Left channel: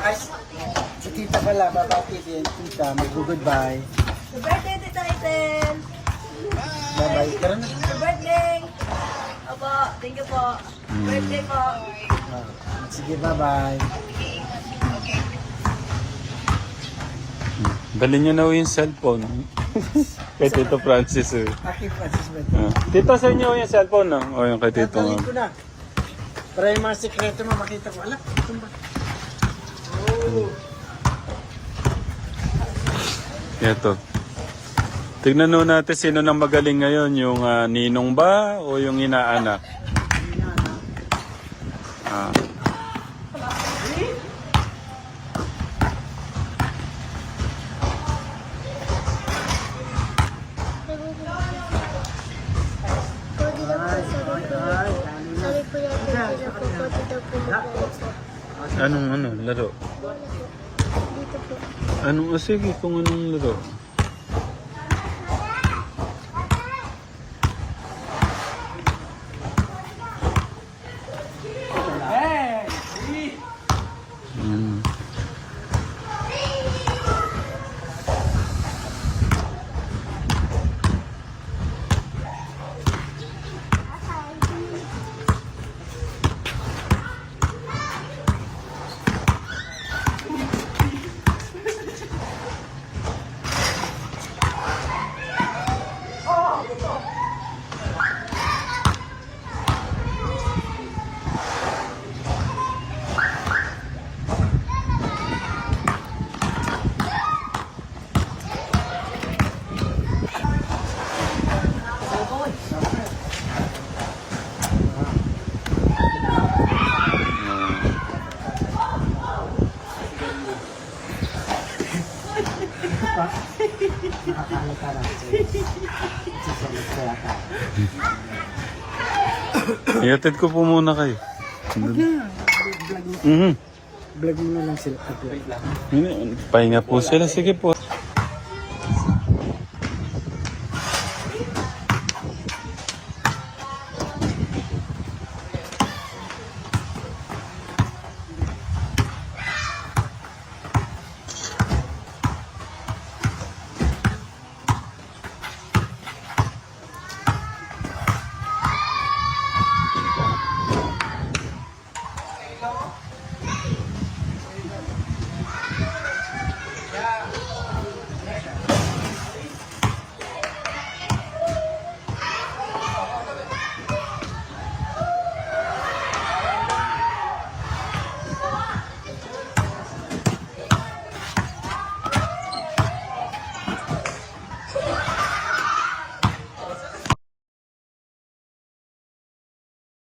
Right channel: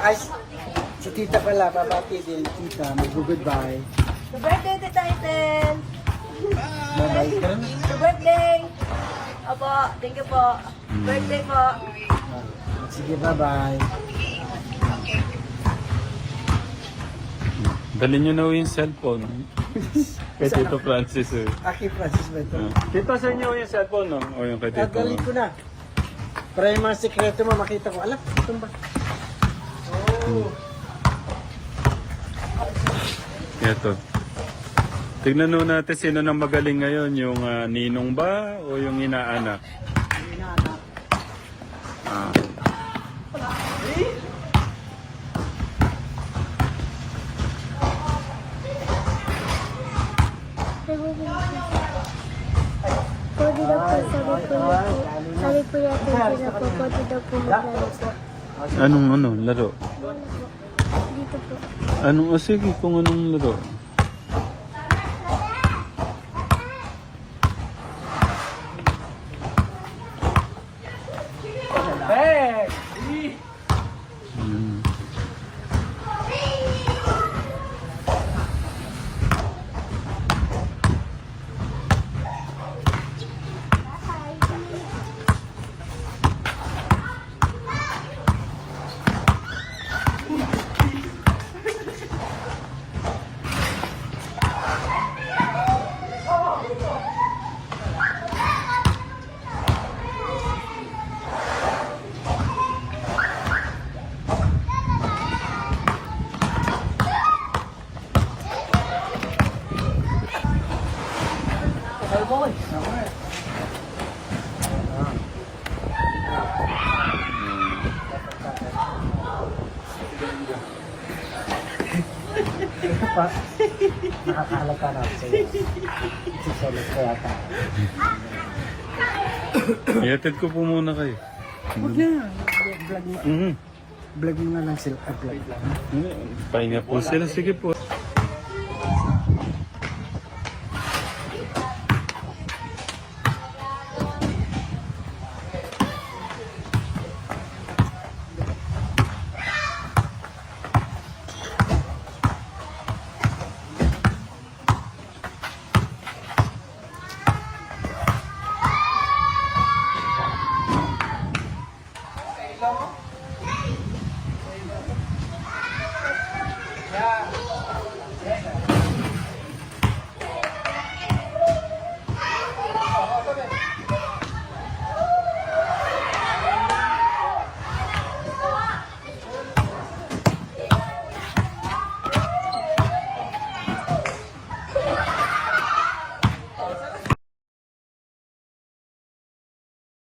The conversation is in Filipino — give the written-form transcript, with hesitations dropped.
Ay, si tita pala, babati din. Tita, mag-goodbye. Happy birthday, Tita Ethel! Bye-bye. Tara na. Happy birthday! Opo, thank you po. Birthday po. Ah, sige, bye-bye. Dalhin nyo na yung cellphone. Kay Tito Francis eh. Aki Francis ba ito? Tito, saan nyo yung cellphone no? O yung kay Tito. Dadalhin ko na. Para yung mga sikreto mo makita ko. Ala, ito ba? Oh. Ito. Tignan nyo natin sino nang magaling ngayon. Yung ninong ba o yung inaanak? Yun na, anak. Ah. Pwede daw po, sabi po natin sila po, pwede daw po maglaro po. Anong laro? O sige, kung anong laro. Hey! Hmm. Ito pa. Nakakalata na ako sa'yo. Sisolid ko yata. Iatid ko po muna kayo. Huwag na. Vlog mo. Mhm. Vlog mo na lang sila. Vlog. Pahinga po sila. Sige po.